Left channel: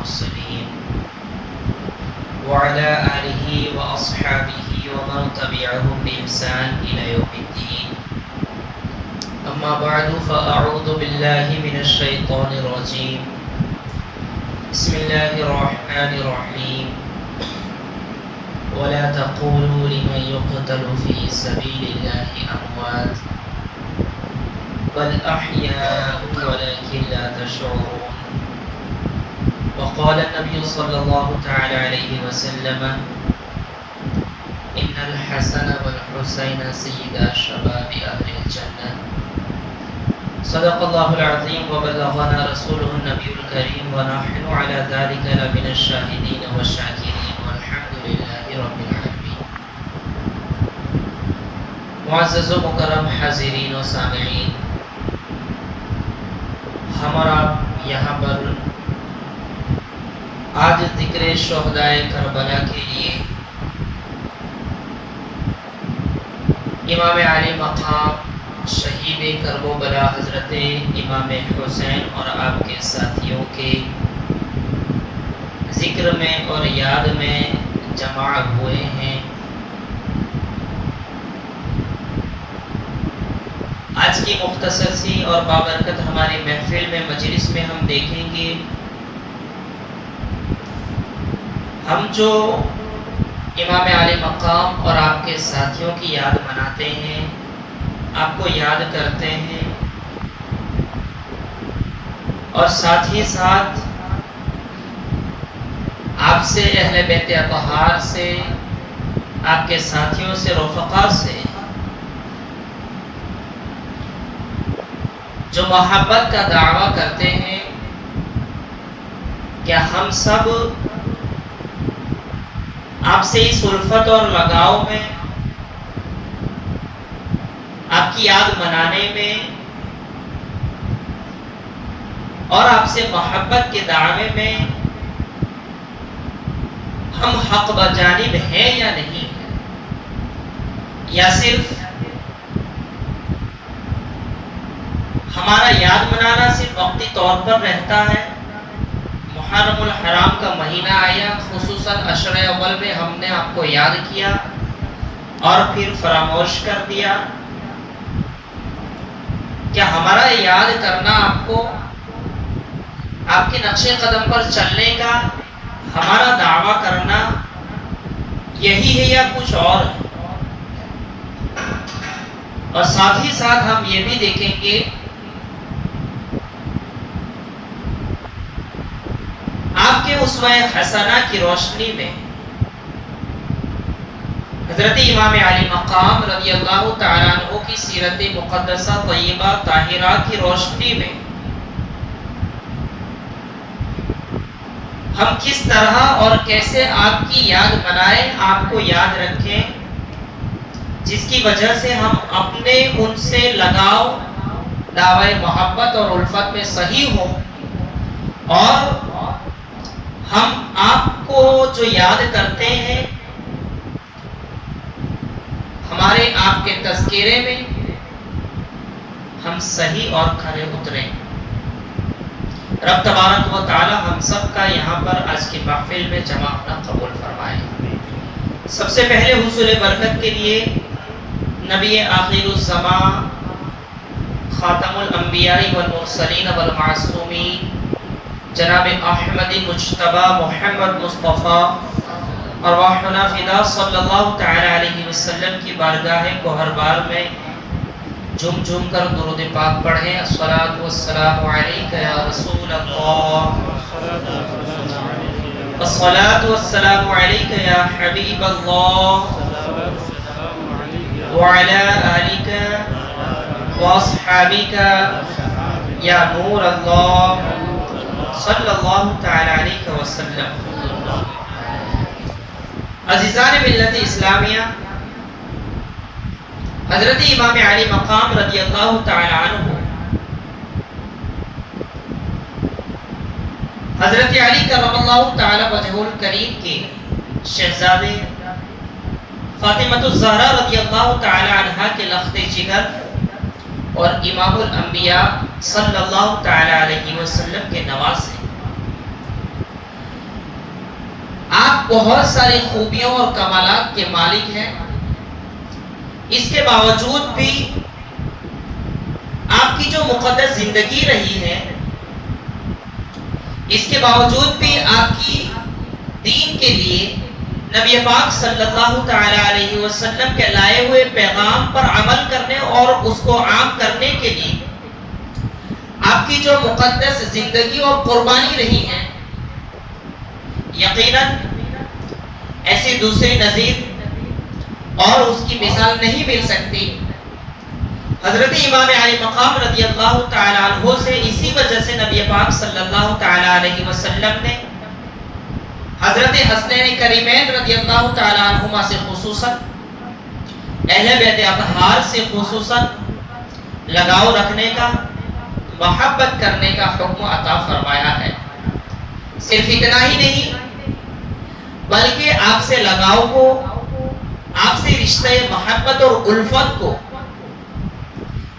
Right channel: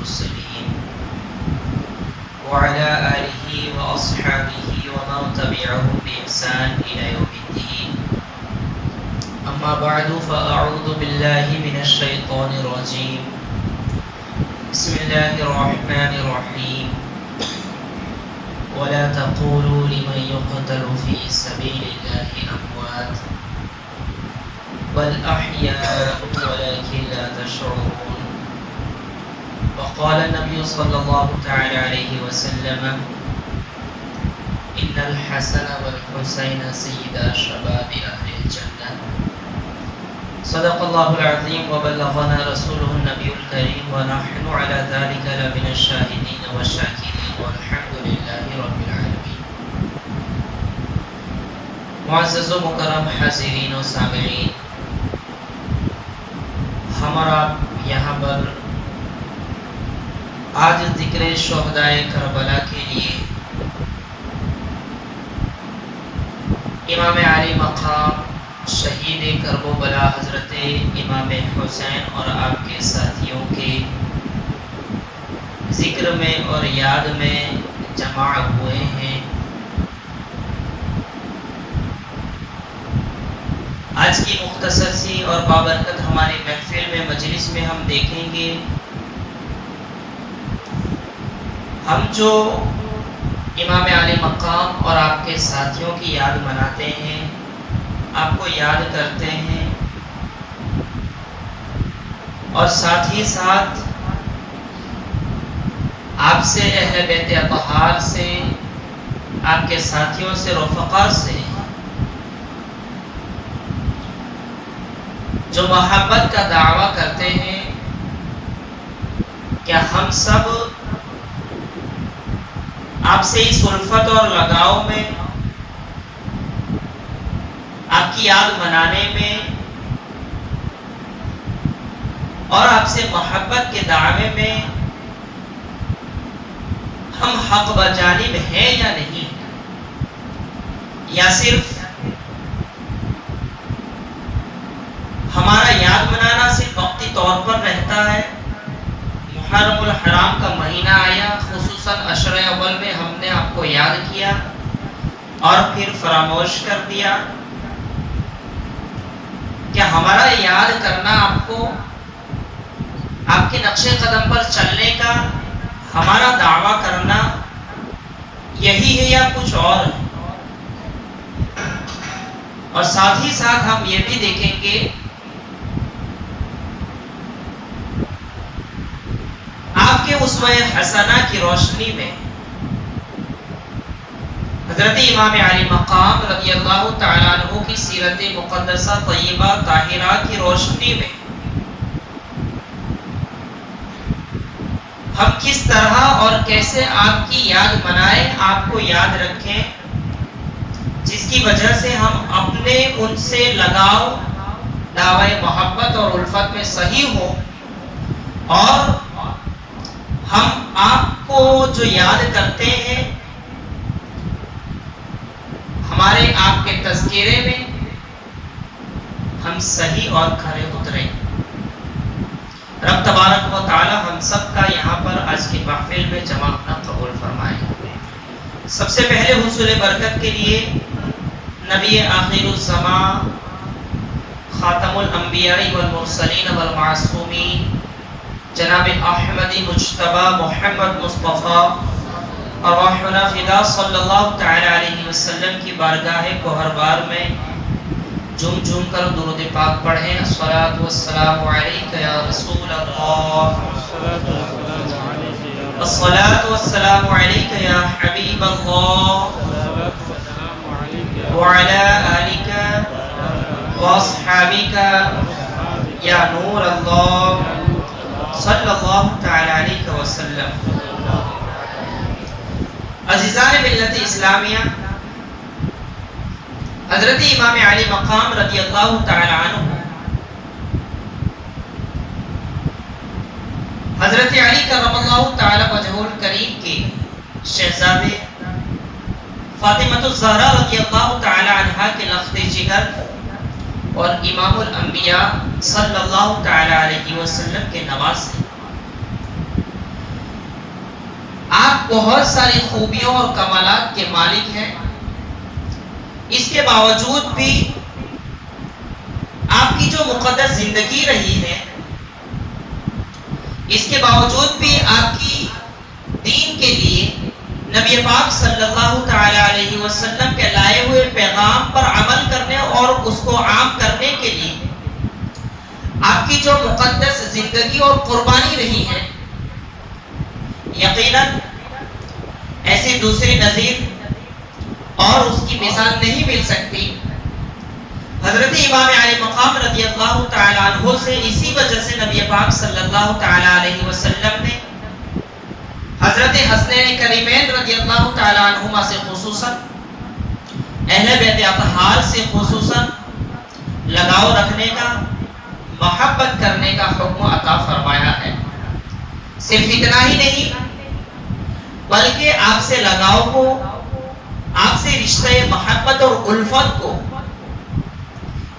المرسلين وعلى آله وأصحابه ومن تبعهم بإحسان إلى يوم الدين. أما بعد فأعوذ بالله من الشيطان الرجيم. بسم الله الرحمن الرحيم. ولا تقولوا لمن يقتل في سبيل الله أموات بل أحياء ولكن لا تشعرون. وقال النبي صلى الله تعالى عليه وسلم إن الحسن والحسين سيدا شباب أهل الجنة. صدق الله العظيم وبلغنا رسوله النبي الكريم ونحن على ذلك لمن الشاهدين والشاكرين والحمد لله رب العالمين. معزز و مکرم حاضرین و سامعین، ہمارا یہاں پر آج ذکر شہدائے کربلا کے لیے امام عالی مقام شہید کرب و بلا حضرت امام حسین اور آپ کے ساتھیوں کے ذکر میں اور یاد میں جمع ہوئے ہیں۔ آج کی مختصر سی اور بابرکت ہماری محفل میں مجلس میں ہم دیکھیں گے، ہم جو امام عالی مقام اور آپ کے ساتھیوں کی یاد مناتے ہیں، آپ کو یاد کرتے ہیں، اور ساتھ ہی ساتھ آپ سے، اہل بیت اطہار سے، آپ کے ساتھیوں سے، رفقا سے جو محبت کا دعویٰ کرتے ہیں، کیا ہم سب آپ سے اس الفت اور لگاؤ میں، آپ کی یاد منانے میں اور آپ سے محبت کے دعوے میں ہم حق بجانب ہیں یا نہیں، یا صرف ہمارا یاد منانا صرف وقتی طور پر رہتا ہے؟ محرم الحرام کا مہینہ آیا، خصوصاً عشر اول میں ہم نے آپ کو یاد کیا اور پھر فراموش کر دیا؟ کیا ہمارا یاد کرنا آپ کو آپ کے نقش قدم پر چلنے کا، ہمارا دعویٰ کرنا یہی ہے یا کچھ اور ہے؟ اور ساتھ ہی ساتھ ہم یہ بھی دیکھیں گے آپ کے اسوہ حسنہ کی روشنی میں، حضرت امام عالی مقام رضی اللہ تعالیٰ عنہ کی سیرت مقدسہ طیبہ طاہرہ کی روشنی میں ہم کس طرح اور کیسے آپ کی یاد منائیں، آپ کو یاد رکھیں، جس کی وجہ سے ہم اپنے ان سے لگاؤ، دعوی محبت اور الفت میں صحیح ہوں، اور ہم آپ کو جو یاد کرتے ہیں ہمارے آپ کے تذکرے میں ہم صحیح اور کھرے اتریں۔ رب تبارک و تعالی ہم سب کا یہاں پر آج کی محفل میں جمع ہونا قبول فرمائے۔ سب سے پہلے حصول برکت کے لیے نبی آخر الزمان، خاتم الانبیاء والمرسلین والمعصومین، جناب احمد مجتبی محمد مصطفیٰ ارواحنا فدا صلی اللہ تعالی علیہ وسلم کی بارگاہ گوہربار میں جھوم جھوم کر درود پاک پڑھیں۔ الصلاۃ والسلام علیک یا رسول اللہ، الصلاۃ والسلام علیک یا حبیب اللہ، وعلی آلک واصحابک یا نور اللہ، صلی اللہ تعالی علیہ وسلم۔ عزیزان ملت اسلامیہ، حضرت امام علی مقام رضی اللہ تعالی عنہ، حضرت علی کرم اللہ تعالی وجہہ الکریم کے شہزادے فاطمۃ الزہرا رضی اللہ تعالی عنہا کے لخت جگر اور امام الانبیاء صلی اللہ تعالی علیہ وسلم کے نواسے، بہت ساری خوبیوں اور کمالات کے مالک ہیں، اس کے باوجود بھی آپ کی جو مقدس زندگی رہی ہے، اس کے باوجود بھی آپ کی دین کے لیے نبی پاک صلی اللہ تعالی علیہ وسلم کے لائے ہوئے پیغام پر عمل کرنے اور اس کو عام کرنے کے لیے آپ کی جو مقدس زندگی اور قربانی رہی ہے، یقیناً ایسی دوسری نظیر اور اس کی مثال نہیں مل سکتی۔ حضرت امام علی مقام رضی اللہ تعالی عنہ سے اسی وجہ سے نبی پاک صلی اللہ تعالی علیہ وسلم نے حضرت حسنین کریمین رضی اللہ تعالی عنہما سے خصوصاً اہل بیت اطہار سے خصوصاً لگاؤ رکھنے کا، محبت کرنے کا حکم عطا فرمایا ہے۔ صرف اتنا ہی نہیں بلکہ آپ سے لگاؤ کو، آپ سے رشتہ محبت اور الفت کو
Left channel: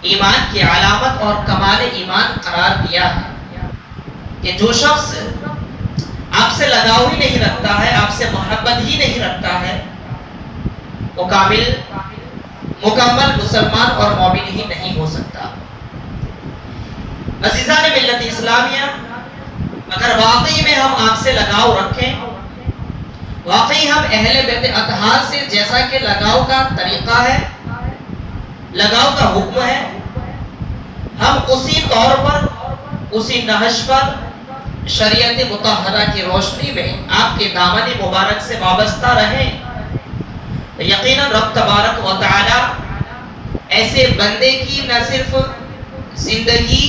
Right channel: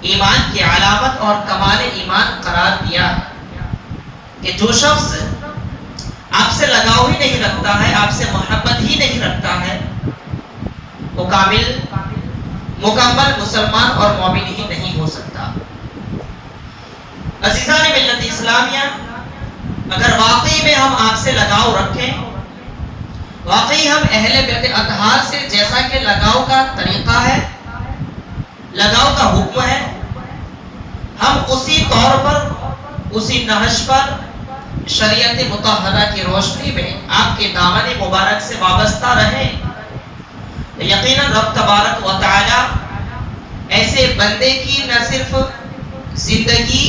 ایمان کی علامت اور کمال ایمان قرار دیا ہے کہ جو شخص آپ سے لگاؤ ہی نہیں رکھتا ہے، آپ سے محبت ہی نہیں رکھتا ہے، وہ کامل مکمل مسلمان اور مومن ہی نہیں ہو سکتا۔ عزیزان ملت اسلامیہ، اگر واقعی میں ہم آپ سے لگاؤ رکھیں، واقعی ہم اہل بیت اطہار سے جیسا کہ لگاؤ کا طریقہ ہے، لگاؤ کا حکم ہے، ہم اسی طور پر، اسی نہج پر شریعت مطہرہ کی روشنی میں آپ کے دامن مبارک سے وابستہ رہیں، یقیناً رب تبارک و تعالی ایسے بندے کی نہ صرف زندگی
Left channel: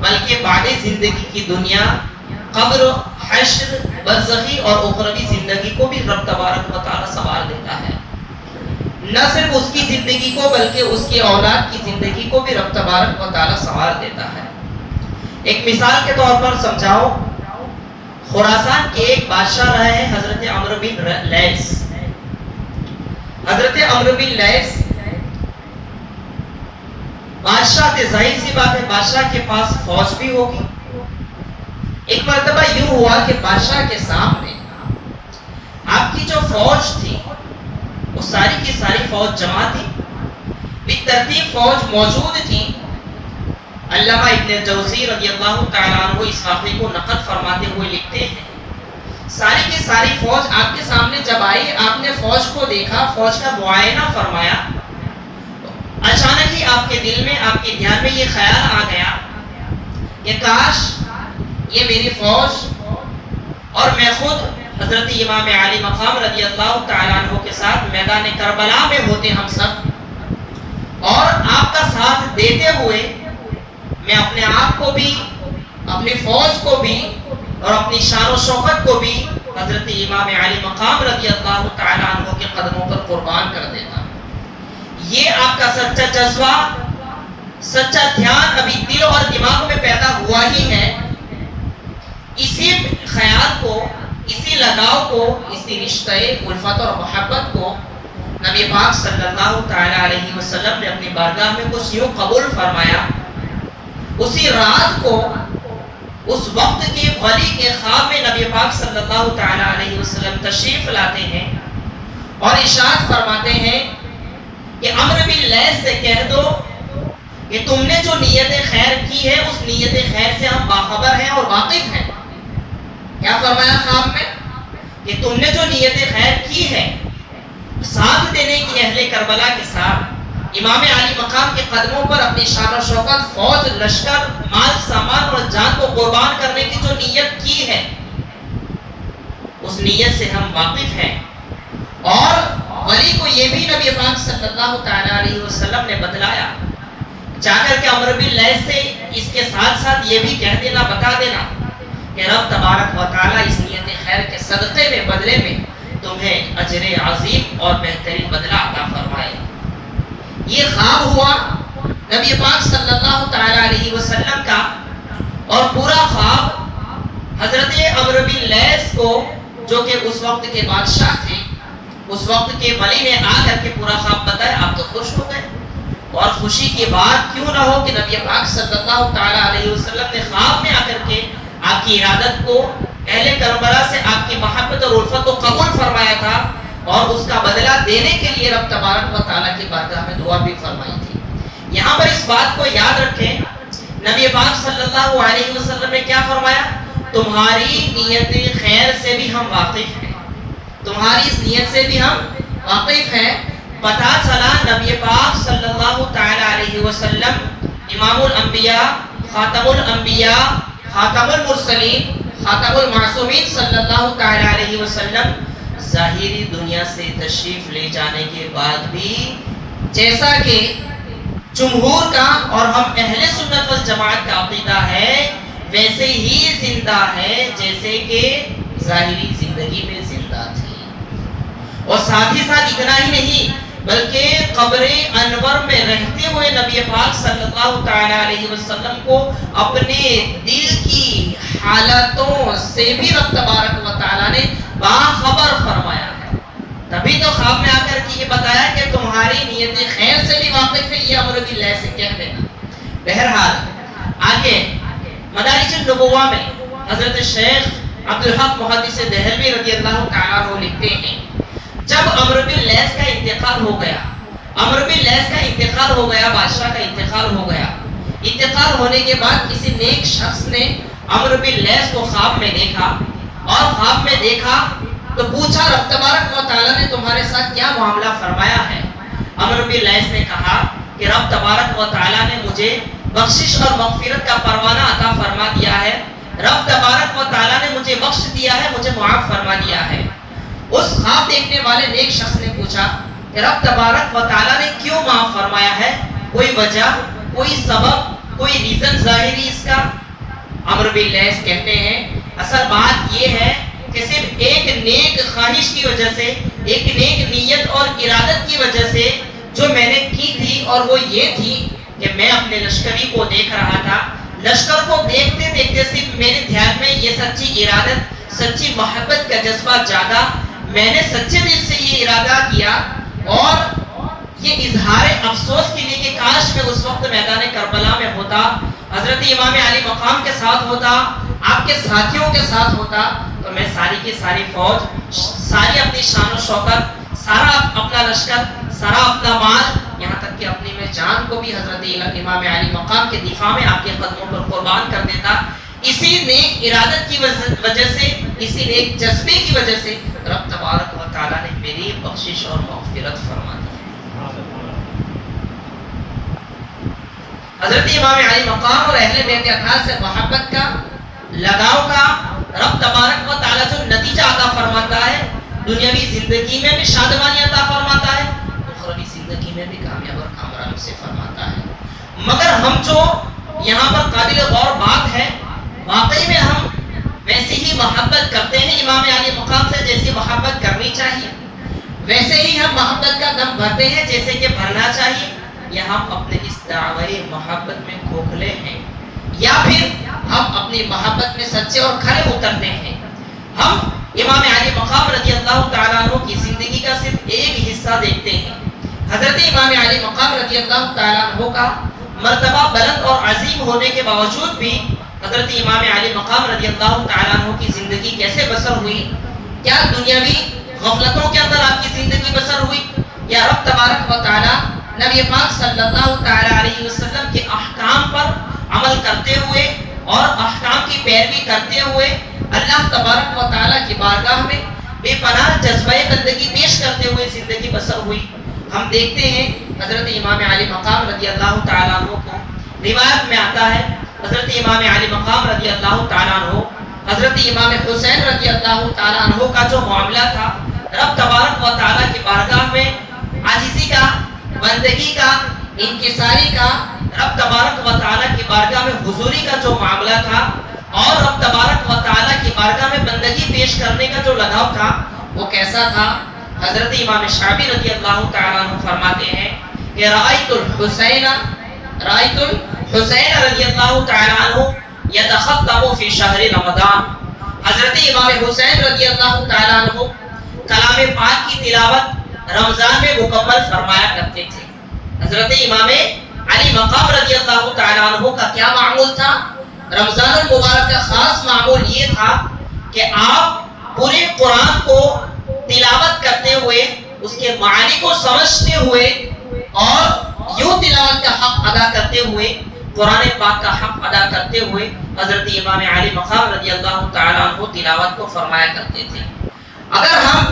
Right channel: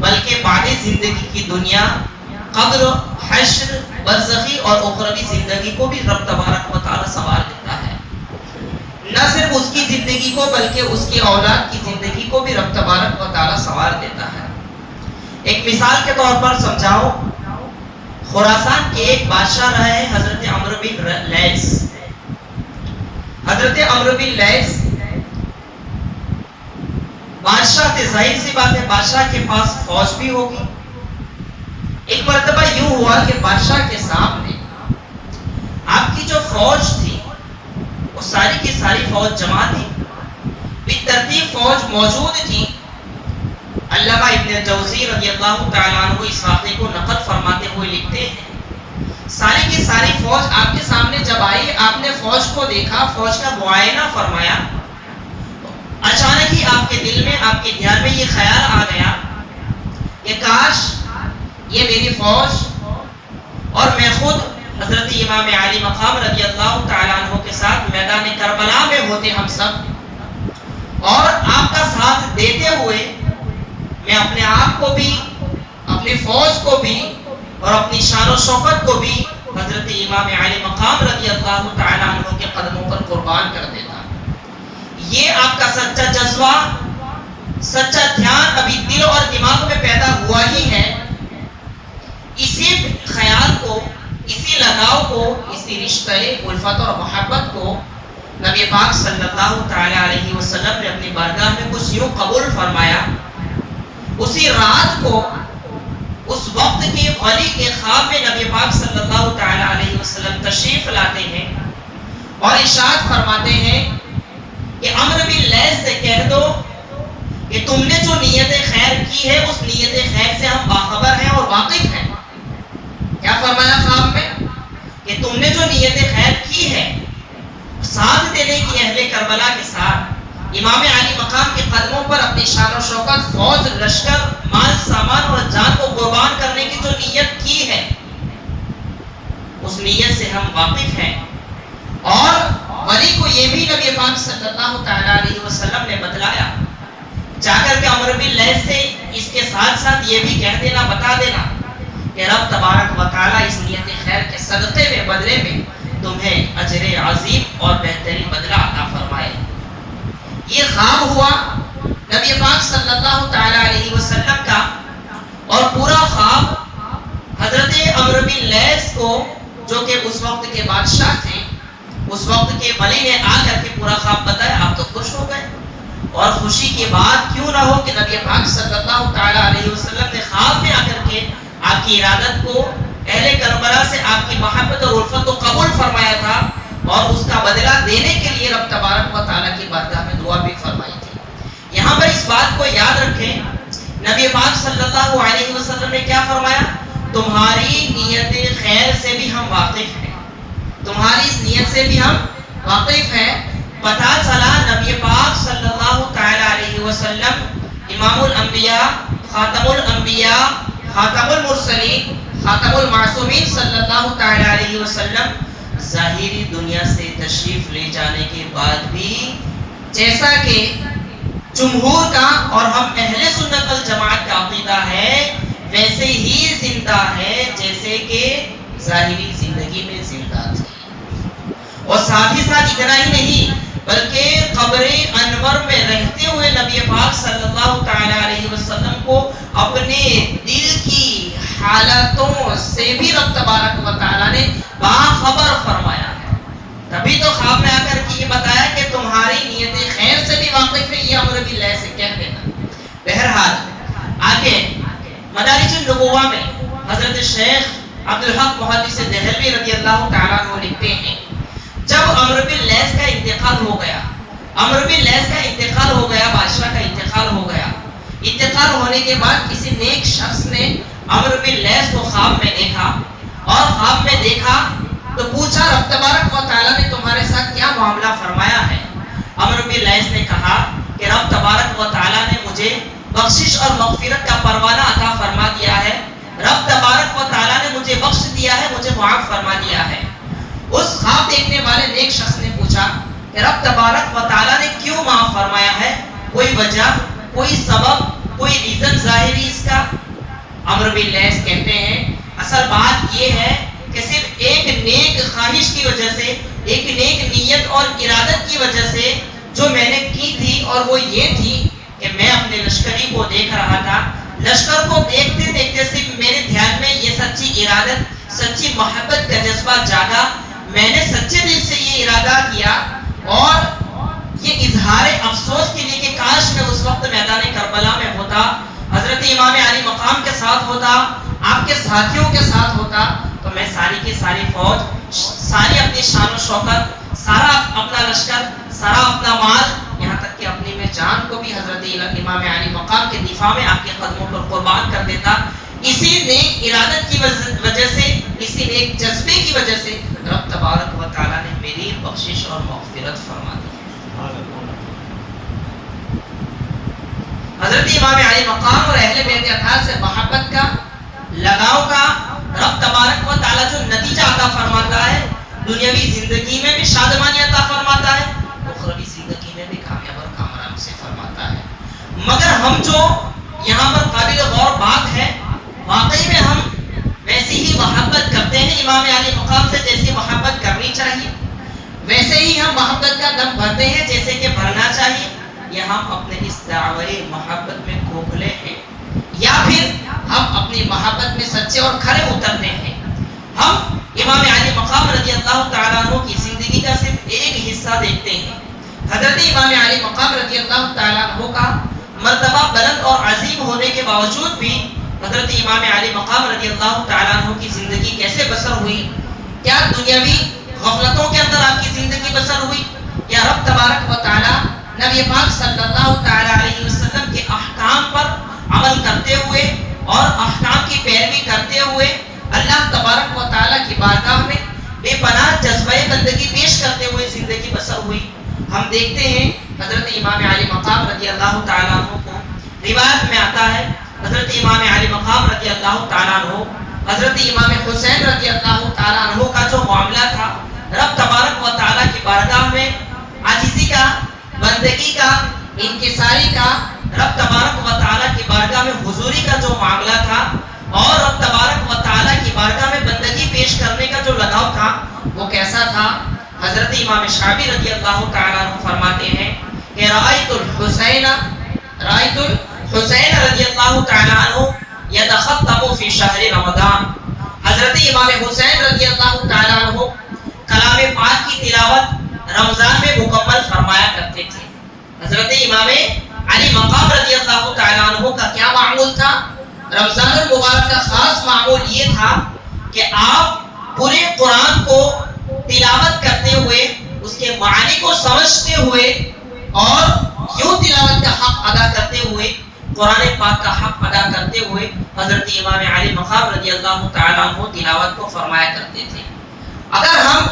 بلکہ بعد زندگی کی دنیا، قبر، حشر، برزخی اور اخروی زندگی کو بھی رب تبارک و تعالی سنوار دیتا ہے۔ نہ صرف اس کی زندگی کو بلکہ اس کی اولاد کی زندگی کو بھی رب تبارک و تعالی سنوار دیتا ہے۔ ایک مثال کے طور پر سمجھاؤ، خراسان کے ایک بادشاہ رہے ہیں حضرت عمرو بن لیث۔ حضرت عمرو بن لیث بادشاہ تھے، ظاہر سی بات ہے بادشاہ کے پاس فوج بھی ہوگی۔ ایک مرتبہ یوں ہوا کہ بادشاہ کے سامنے آپ کی جو فوج تھی وہ ساری کی ساری فوج جمع تھی، بالترتیب فوج موجود تھی۔ علامہ ابن جوزی رضی اللہ تعالیٰ عنہ اس واقعے کو نقل فرماتے ہوئے لکھتے ہیں، ساری کی ساری فوج آپ کے سامنے جب آئی، آپ نے فوج کو دیکھا، فوج کا معائنہ فرمایا، اچانک ہی آپ کے دل میں، آپ کے دھیان میں یہ خیال آ گیا کہ کاش یہ میری فوج اور میں خود حضرت امام علی مقام رضی اللہ تعالیٰ عنہ کے ساتھ میدان کربلا میں ہوتے ہم سب، اور آپ کا ساتھ دیتے ہوئے میں اپنے آپ کو بھی، اپنی فوج کو بھی اور اپنی شان و شوکت کو بھی حضرت امام علی مقام رضی اللہ تعالیٰ عنہ کے قدموں پر قربان کر دیتا۔ یہ آپ کا سچا جذبہ، سچا دھیان ابھی دل اور دماغ میں پیدا ہوا ہی ہے۔ اسی خیال کو، اسی لگاؤ کو، اسی رشتہ الفت اور محبت کو نبی پاک صلی اللہ تعالی علیہ وسلم نے اپنی بارگاہ میں کچھ یوں قبول فرمایا۔ اسی رات کو، اس وقت کے ولی کے خواب میں نبی پاک صلی اللہ تعالی علیہ وسلم تشریف لاتے ہیں اور ارشاد فرماتے ہیں کہ عمرو بن لیث سے کہہ دو کہ تم نے جو نیت خیر کی ہے اس نیت خیر سے ہم باخبر ہیں اور واقف ہیں۔ کیا فرمایا خواب میں؟ کہ تم نے جو نیت خیر کی ہے ساتھ دینے کی اہل کربلا کے ساتھ، امام علی مقام کے قدموں پر اپنی شان و شوکت، فوج، لشکر، مال، سامان اور جان کو قربان کرنے کی جو نیت کی ہے اس نیت سے ہم واقف ہیں۔ اور ولی کو یہ بھی نبی پاک صلی اللہ تعالی علیہ وسلم نے بتلایا، جا کر کے عمرو بن لیث سے اس کے ساتھ ساتھ یہ بھی کہہ دینا، بتا دینا کہ رب تبارک و تعالی اس نیت خیر کے صدقے میں، بدلے میں تمہیں اجر عظیم اور بہترین بدلہ عطا فرمائے۔ یہ خواب ہوا نبی پاک صلی اللہ تعالی علیہ وسلم کا، اور پورا خواب حضرت عمرو بن لیث کو، جو کہ اس وقت کے بادشاہ تھے، اس وقت کے ولی نے آ کر کے پورا خواب بتایا۔ آپ تو خوش ہو گئے، اور خوشی کی بات کیوں نہ ہو کہ نبی پاک صلی اللہ تعالی علیہ وسلم نے خواب میں آ کر کے آپ کی ارادت کو اہل کربلا سے آپ کی محبت اور الفت کو قبول فرمایا تھا اور اس کا بدلہ دینے کے لیے رب تبارک و تعالیٰ کی بارگاہ میں دعا بھی فرمائی تھی۔ یہاں پر اس بات کو یاد رکھیں، نبی پاک صلی اللہ علیہ وسلم نے کیا فرمایا؟ تمہاری نیت خیر سے بھی ہم واقف ہیں، تمہاری اس نیت سے بھی ہم واقف ہیں۔ پتہ چلا نبی پاک صلی اللہ تعالی علیہ وسلم امام الانبیاء، خاتم الانبیاء، خاتم المرسلین، خاتم المعصومین صلی اللہ تعالی علیہ وسلم ظاہری دنیا سے تشریف لے جانے کے بعد بھی جیسا کہ جمہور کا اور ہم اہل سنت والجماعت کا عقیدہ ہے ویسے ہی زندہ ہے جیسے کہ ظاہری زندگی میں زندہ تھے۔ اور ساتھ ہی ساتھ اتنا ہی نہیں بلکہ قبر انور میں رہتے ہوئے نبی پاک صلی اللہ تعالی علیہ وسلم کو اپنے دل کی حالتوں سے بھی رب تبارک و تعالی نے باخبر فرمایا ہے۔ تبھی تو خواب میں آ کر کے یہ بتایا کہ تمہاری نیت خیر سے بھی واقف ہے، یہ امر باللہ سے کہہ دینا۔ بہرحال آگے مدارج النبوہ میں حضرت شیخ عبدالحق محدث دہلوی رضی اللہ تعالیٰ عنہ لکھتے ہیں، جب عمرو بن لیث کا انتقال ہو گیا، عمرو بن لیث کا انتقال ہو گیا، بادشاہ کا انتقال ہو گیا، انتقال ہونے کے بعد کسی نیک شخص نے عمرو بن لیث کو خواب میں دیکھا، اور خواب میں دیکھا تو پوچھا رب تبارک و تعالیٰ نے تمہارے ساتھ کیا معاملہ فرمایا ہے؟ عمرو بن لیث نے کہا کہ رب تبارک و تعالیٰ نے مجھے بخشش اور مغفرت کا پروانہ عطا فرما دیا ہے، رب تبارک و تعالیٰ نے مجھے بخش دیا ہے، مجھے معاف فرما دیا ہے۔ اس خواب دیکھنے والے نیک شخص نے پوچھا کہ رب تبارک و تعالیٰ نے کیوں معاف فرمایا ہے؟ کوئی وجہ، کوئی سبب، کوئی ریزن ظاہری اس کا؟ عمرو بن لیث کہتے ہیں اصل بات یہ ہے کہ صرف ایک نیک خواہش کی وجہ سے، ایک نیک نیت اور ارادت کی وجہ سے جو میں نے کی تھی، اور وہ یہ تھی کہ میں اپنے لشکری کو دیکھ رہا تھا، لشکر کو دیکھتے دیکھتے صرف میرے دھیان میں یہ سچی ارادت، سچی محبت کا جذبہ جاگا، میں نے سچے دل سے یہ ارادہ کیا اور یہ اظہار افسوس کے لیے کہ کاش میں اس وقت میدان کربلا میں ہوتا، حضرت امام علی مقام کے ساتھ ہوتا، آپ کے ساتھیوں کے ساتھ ہوتا، تو میں ساری کی ساری فوج، ساری اپنی شان و شوکت، سارا اپنا لشکر، سارا اپنا مال، یہاں تک کہ اپنی میں جان کو بھی حضرت امام علی مقام کے دفاع میں آپ کے قدموں پر قربان کر دیتا۔ اسی نیک ارادت کی وجہ سے، اسی نیک جذبے کی وجہ سے رب تبارک و تعالیٰ نے میری بخشش اور مغفرت فرما دی۔ حضرت امام علی مقام اور اہل بیت اطہار سے محبت کا، لگاؤ کا رب تبارک و تعالیٰ جو نتیجہ عطا فرماتا ہے، دنیاوی زندگی میں بھی شادمانی عطا فرماتا ہے، اخروی زندگی میں بھی کامیاب اور کامران سے فرماتا ہے۔ مگر ہم جو یہاں پر قابل غور بات ہے، واقعی میں ہم ویسی ہی محبت کرتے ہیں امام علی مقام سے جیسی محبت کرنی چاہیے، ویسے ہی ہم محبت کا دم بھرتے ہیں جیسے کہ بھرنا چاہیے، یا ہم اپنے اس دعوی محبت میں کھوکھلے ہیں، یا پھر ہم اپنی محبت میں سچے اور کھرے اترتے ہیں۔ ہم امام علی مقام رضی اللہ تعالیٰ عنہ کی زندگی کا صرف ایک حصہ دیکھتے ہیں۔ حضرت امام علی مقام رضی اللہ تعالیٰ عنہ کا مرتبہ بلند اور عظیم ہونے کے باوجود بھی حضرت امام علی مقام رضی اللہ تعالیٰ عنہ کی زندگی کیسے بسر ہوئی؟ کیا دنیاوی غفلتوں کے اندر آپ کی زندگی بسر ہوئی، یا رب تبارک و تعالیٰ نبی پاک صلی اللہ تعالیٰ علیہ وسلم کے احکام پر عمل کرتے ہوئے اور احکام کی پیروی کرتے ہوئے اللہ تبارک و تعالیٰ کی بارگاہ میں بے پناہ جذبہ بندگی پیش کرتے ہوئے زندگی بسر ہوئی؟ ہم دیکھتے ہیں حضرت امام علی مقام رضی اللہ تعالیٰ عنہ کو روایت میں آتا ہے، حضرت امام علی مقام رضی اللہ تعالیٰ عنہ، حضرت امام حسین رضی اللہ تعالیٰ عنہ کا جو معاملہ تھا، رب تبارک و تعالیٰ کی بارگاہ میں عاجزی کا، بندگی کا، انکساری کا، رب تبارک و تعالیٰ کی بارگاہ میں حضوری کا جو معاملہ تھا، اور رب تبارک و تعالیٰ کی بارگاہ میں بندگی پیش کرنے کا جو لگاؤ تھا، وہ کیسا تھا؟ حضرت امام شعبی رضی اللہ تعالیٰ عنہ فرماتے ہیں کہ رأیت الحسین رضی اللہ تعالیٰ عنہ یتخطب فی شہر رمضان۔ حضرت امام حسین رضی اللہ تعالیٰ عنہ کلام پاک کی تلاوت رمضان میں مکمل فرمایا کرتے تھے۔ حضرت امام علی مقام رضی اللہ تعالیٰ عنہ کا کیا معمول تھا؟ رمضان المبارک کا خاص معمول یہ تھا کہ آپ پورے قرآن کو تلاوت کرتے ہوئے اس کے معنی کو سمجھتے ہوئے اور یوں تلاوت کا حق ادا کرتے ہوئے قرآن پاک کا حق ادا کرتے ہوئے حضرت امام علی مقام رضی اللہ تعالیٰ عنہ تلاوت کو فرمایا کرتے تھے. اگر ہم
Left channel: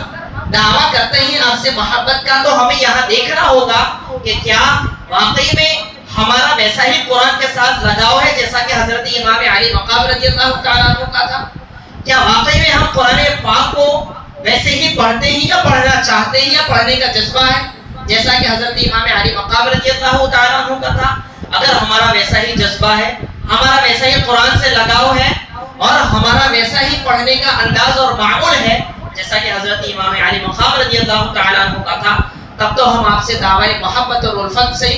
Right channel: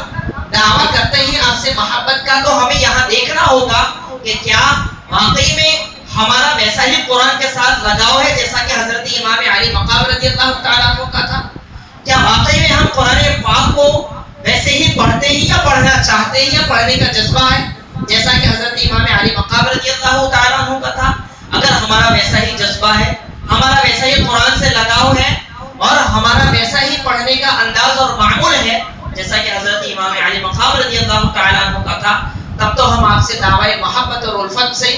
دعویٰ کرتے ہیں آپ سے محبت کا تو ہمیں یہاں دیکھنا ہوگا کہ کیا واقعی میں ہمارا ویسا ہی قرآن کے ساتھ لگاؤ ہے جیسا کہ حضرت امام علی مقام رضی اللہ تعالیٰ عنہ کا تھا. کیا واقعی میں ہم قرآن پاک کو ویسے ہی پڑھتے ہیں یا پڑھنا چاہتے ہیں یا پڑھنے کا جذبہ ہے جیسا کہ حضرت امام علی مقام رضی اللہ تعالیٰ عنہ کا تھا؟ اگر ہمارا ویسا ہی جذبہ ہے، ہمارا ویسا ہی قرآن سے لگاؤ ہے اور ہمارا ویسا ہی پڑھنے کا انداز اور معمول ہے جیسا کہ حضرت امام علی مقام رضی اللہ تعالیٰ عنہ کا تھا، تب تو ہم آپ سے دعوی محبت اور الفت سے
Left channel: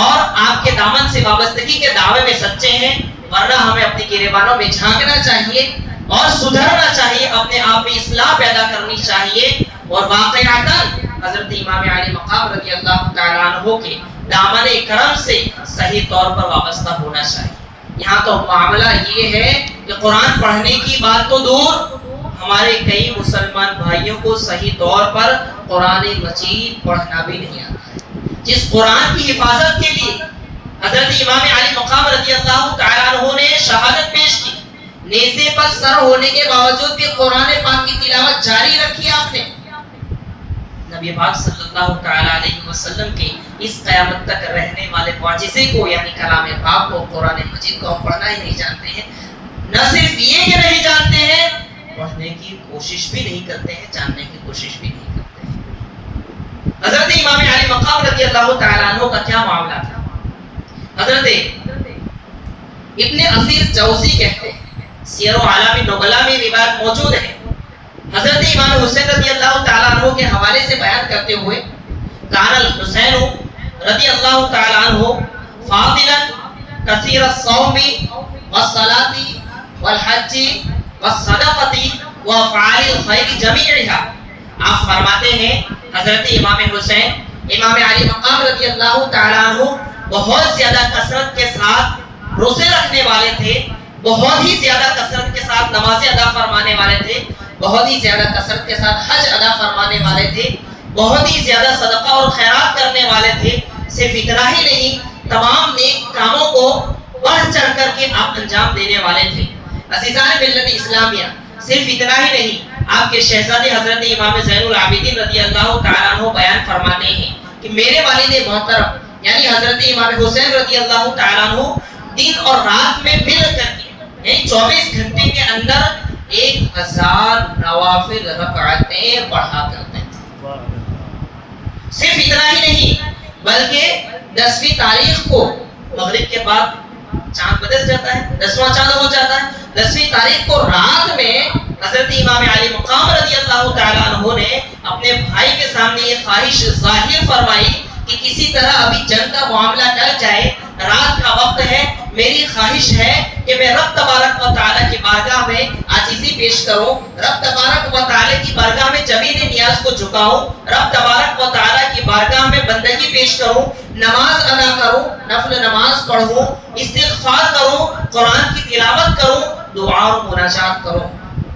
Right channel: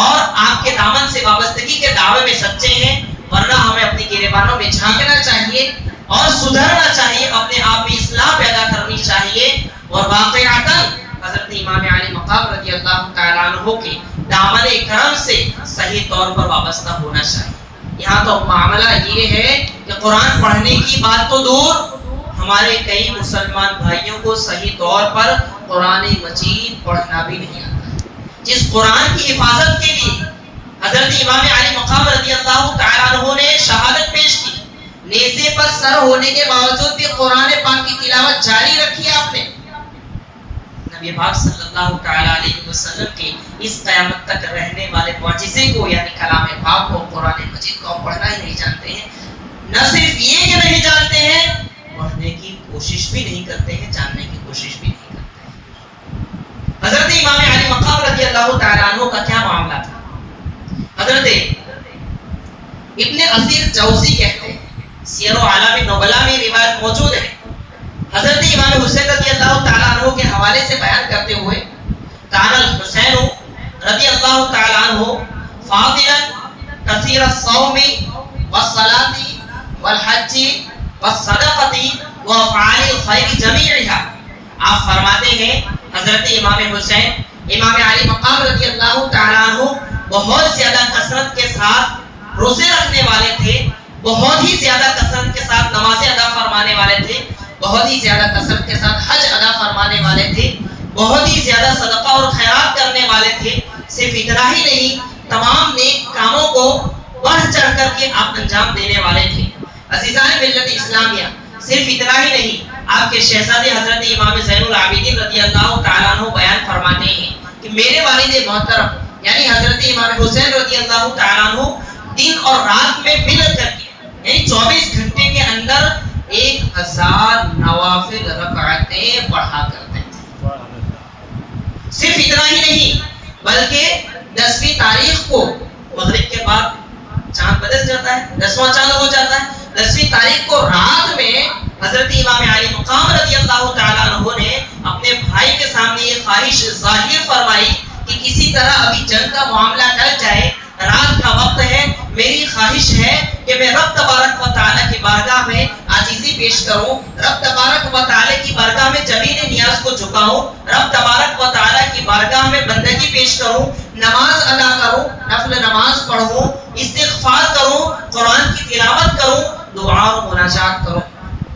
اور آپ کے دامن سے وابستگی کے دعوے میں سچے ہیں. ورنہ ہمیں اپنی گریبانوں میں جھانکنا چاہیے اور سدھرنا چاہیے، اپنے آپ میں اصلاح پیدا کرنی چاہیے اور واقعتاً حضرت امام علی مقام رضی اللہ تعالیٰ عنہ کے دامن کرم سے صحیح طور پر وابستہ ہونا چاہیے. یہاں تو معاملہ یہ ہے کہ قرآن پڑھنے کی بات تو دور، ہمارے کئی مسلمان بھائیوں کو صحیح طور پر قرآن مجید پڑھنا بھی نہیں آتا. جس قرآن کی حفاظت کے لیے حضرت امام علی مقام رضی اللہ تعالیٰ عنہ نے شہادت پیش کی، نیزے پر سر ہونے کے باوجود بھی قرآن پاک کی تلاوت جاری رکھی آپ نے. نبی پاک صلی اللہ تعالیٰ علیہ وسلم کے اس قیامت تک رہنے والے معجزے کو یعنی کلام پاک کو، قرآن مجید کو پڑھنا ہی نہیں جانتے ہیں. نہ صرف یہ کہ نہیں جانتے ہیں، پڑھنے کی کوشش بھی نہیں کرتے ہیں، جاننے کی کوشش بھی نہیں کرتے ہیں. حضرت امام علی مقام رضی اللہ تعالیٰ عنہ کا کیا معاملہ تھا؟ حضرت ابن اسیر جوزی کہتے ہیں، سیر و اعلام نبلا میں روایت موجود ہے، حضرت امام حسین رضی اللہ تعالیٰ عنہ کے حوالے سے بیان کرتے ہوئے، کان الحسین رضی اللہ تعالیٰ عنہ فاضلا کثیر الصوم والصلاۃ والحج والصدقۃ وافعال الخیر جمیعها. آپ فرماتے ہیں حضرت امام حسین امام علی مقام رضی اللہ تعالیٰ عنہ بہت زیادہ کثرت کے ساتھ روزے رکھنے والے تھے، بہت ہی زیادہ کثرت کے ساتھ نمازیں ادا فرمانے والے تھے، بہت ہی زیادہ کثرت کے ساتھ حج ادا فرمانے والے تھے، بہت ہی زیادہ صدقہ اور خیرات کرنے والے تھے. صرف اتنا ہی نہیں، تمام نیک کاموں کو بڑھ چڑھ کر کے آپ انجام دینے والے تھے. عزیزان ملت اسلامیہ، صرف اتنا ہی نہیں، آپ کے شہزادے حضرت امام زین العابدین رضی اللہ تعالیٰ عنہ بیان فرماتے ہیں کہ میرے والد محترم یعنی حضرت امام حسین رضی اللہ تعالیٰ عنہ دن اور رات میں مل کر کے یعنی 24 گھنٹے کے اندر 1000 نوافل رکعتیں پڑھا کرتے تھے. صرف اتنا ہی نہیں بلکہ 10ویں تاریخ کو مغرب کے بعد چاند بدل جاتا ہے، 10واں چاند ہو جاتا ہے، 10ویں تاریخ کو رات میں حضرت امام علی مقام رضی اللہ تعالیٰ عنہ نے اپنے بھائی کے سامنے یہ خواہش ظاہر فرمائی کہ کسی طرح ابھی جنگ کا معاملہ ٹل جائے، رات کا وقت ہے، میری خواہش ہے کہ میں رب تبارک و تعالیٰ کی بارگاہ میں عاجزی پیش کروں، رب تبارک و تعالیٰ کی بارگاہ میں زمین نیاز کو جھکاؤں، رب تبارک و تعالیٰ کی بارگاہ میں بندگی پیش کروں، نماز ادا کروں، نفل نماز پڑھوں، استغفار کروں، قرآن کی تلاوت کروں، دعا اور مناجات کروں.